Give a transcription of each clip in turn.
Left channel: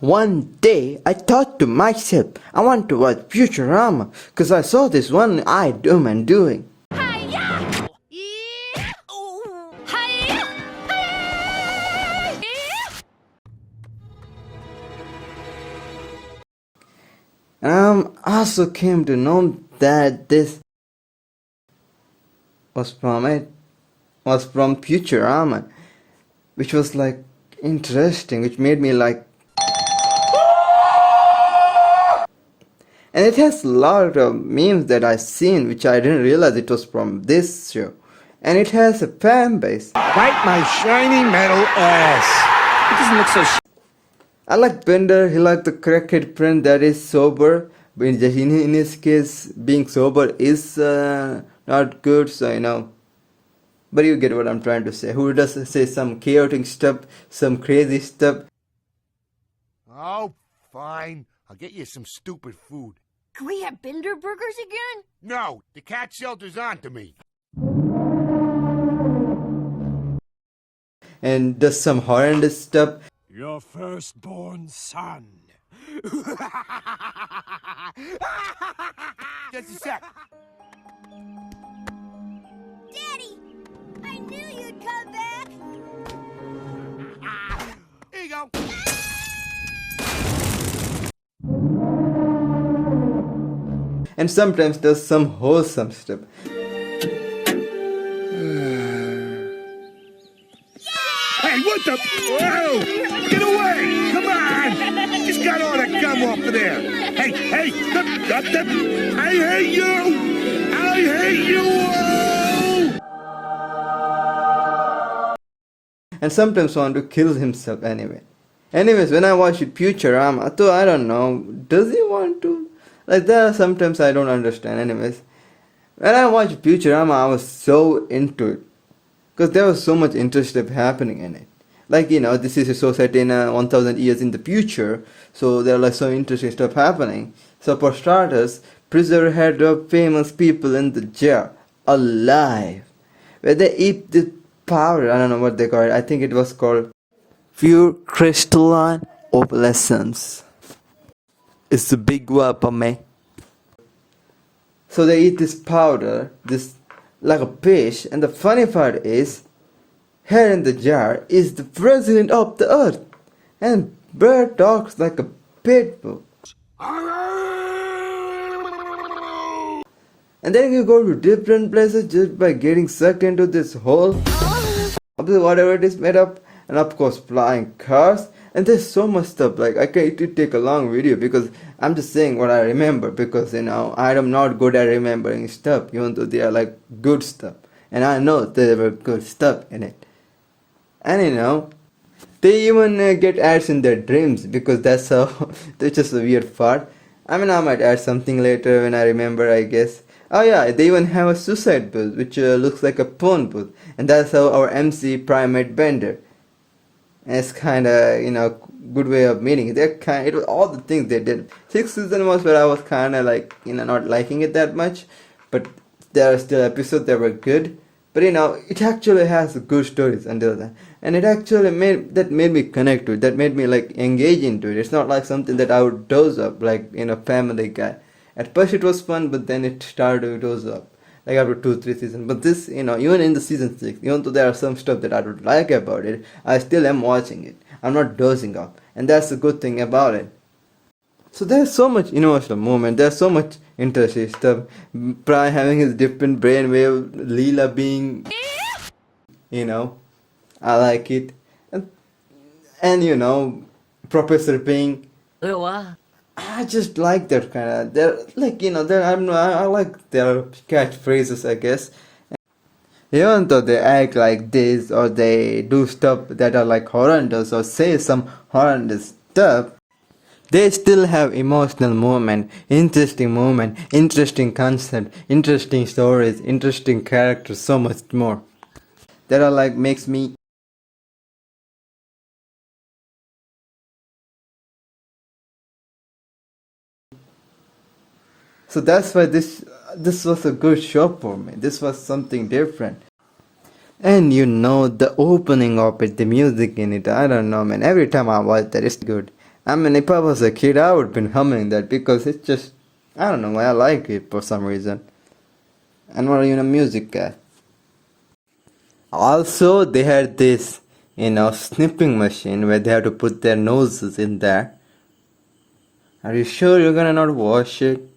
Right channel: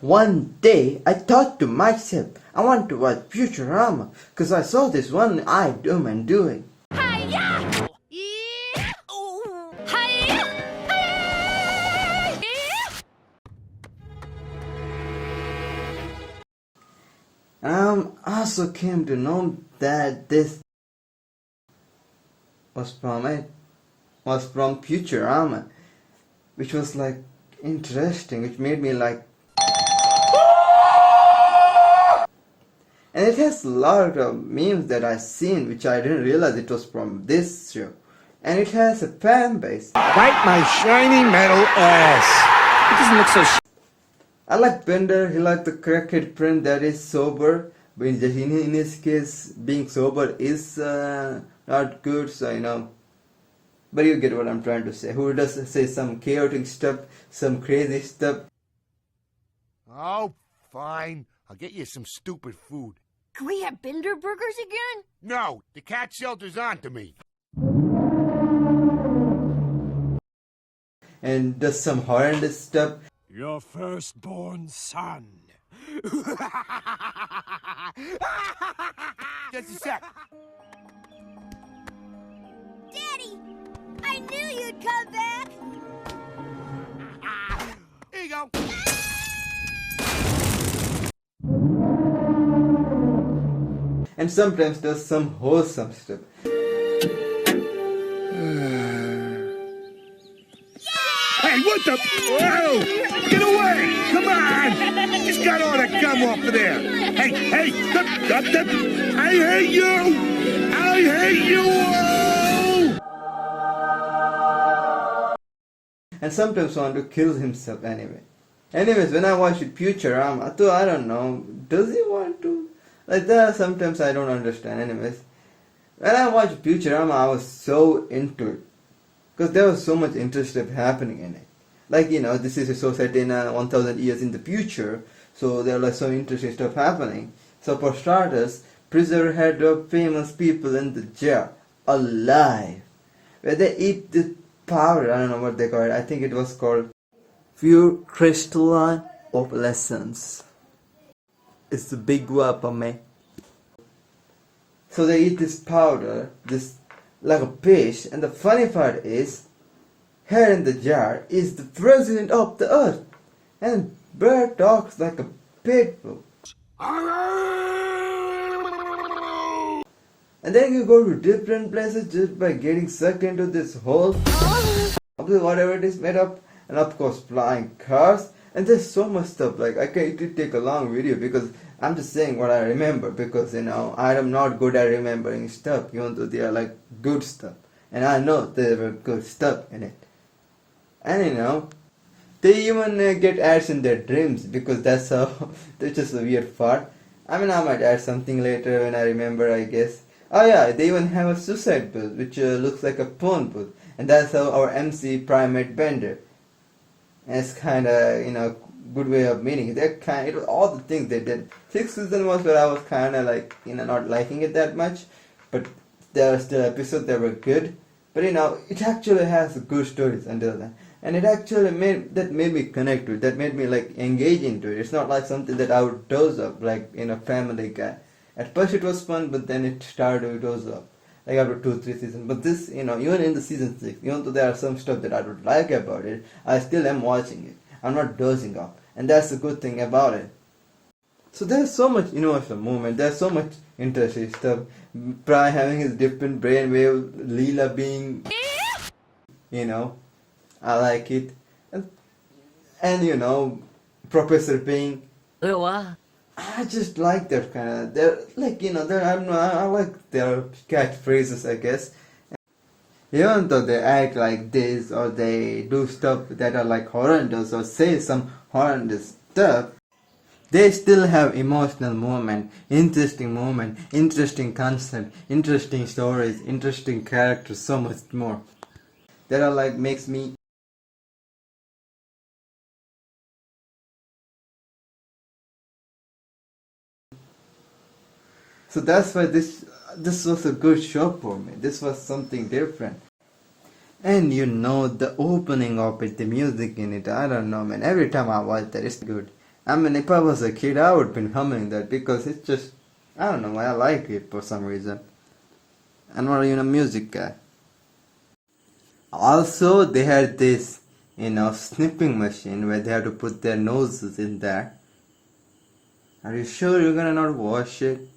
One day I thought to myself, I want to watch Futurama because I saw this one-eyed woman doing. Hiya! Yeah! Ooh! Hiya! Hiya! Yeah! And I also came to know that this was from Futurama, which was like interesting, which made me like. And it has a lot of memes that I've seen which I didn't realize it was from this show. And it has a fan base. Bite my shiny metal ass. It doesn't look so I like Bender, he liked the crackhead friend that is sober. But in his case, being sober is not good, so you know. But you get what I'm trying to say. Who does say some chaotic stuff, some crazy stuff. Oh, fine. I'll get you some stupid food. Can we have Bender burgers again? No, the cat shelter's on to me. And does some horrendous stuff. Your firstborn son. Just a sec. Daddy! I knew you'd come back! Here you go. And sometimes does some wholesome stuff. Hey, what the? Whoa! Get away! Come on! Just got all that gum off of there. Hey, I hate you! I hate you! And sometimes want to kill himself anyway. Anyways, when I watch Futurama, though I don't know, does he want to? Like there are sometimes I don't understand. Anyways, when I watched Futurama, I was so into it. Because there was so much interesting happening in it. Like, you know, this is a society in 1000 years in the future. So there are like so interesting stuff happening. So for starters, Preserver had famous people in the jar, alive. Where they eat this powder, I don't know what they call it. I think it was called pure crystalline opalescence. It's a big word for me. So they eat this powder, this like a fish, and the funny part is, here in the jar is the president of the earth, and Bird talks like a pit bull. And then you go to different places just by getting sucked into this hole of whatever it is made up, and of course flying cars. And there's so much stuff, like I can't take a long video because I'm just saying what I remember, because you know I am not good at remembering stuff even though they are like good stuff, and I know there were good stuff in it. And you know they even get ads in their dreams, because that's how that's just a weird part. I mean, I might add something later when I remember, I guess. Oh yeah, they even have a suicide booth which looks like a porn booth, and that's how our MC Primate Bender. And it's kind of, you know, good way of meeting it. It was all the things they did. 6th season was where I was kind of like, you know, not liking it that much, but there are still episodes that were good. But you know, it actually has good stories until then, and it actually made me connect to it. That made me like engage into it. It's not like something that I would doze up, like in a Family Guy. At first it was fun, but then it started to doze up, like after 2-3 seasons. But this, you know, even in the season 6, even though there are some stuff that I don't like about it, I still am watching it. I'm not dozing off, and that's the good thing about it. So there's so much emotional moment, there's so much interesting stuff. Brian having his different brainwave, Leela being, you know, I like it. And you know, Professor being, I just like that kind of, they're like, you know, I like their catchphrases, I guess. Even though they act like this, or they do stuff that are like horrendous, or say some horrendous stuff, they still have emotional moment, interesting concept, interesting stories, interesting characters, so much more. That are like makes me. So that's why this was a good show for me. This was something different. And you know, the opening of it, the music in it, I don't know, man. Every time I watch that, it's good. I mean, if I was a kid, I would have been humming that because it's just, I don't know, I like it for some reason. I'm not even a music guy. Also, they had this, snipping machine where they have to put their noses in there. Are you sure you're gonna not wash it?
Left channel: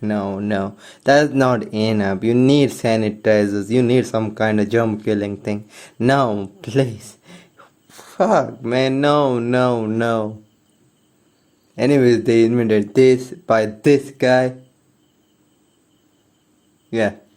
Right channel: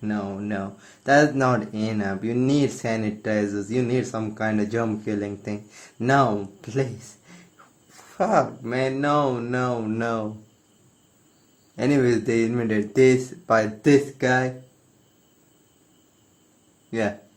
No, that's not enough. You need sanitizers. You need some kind of germ killing thing. No, please. Fuck, man, no. Anyways, they invented this by this guy. Yeah.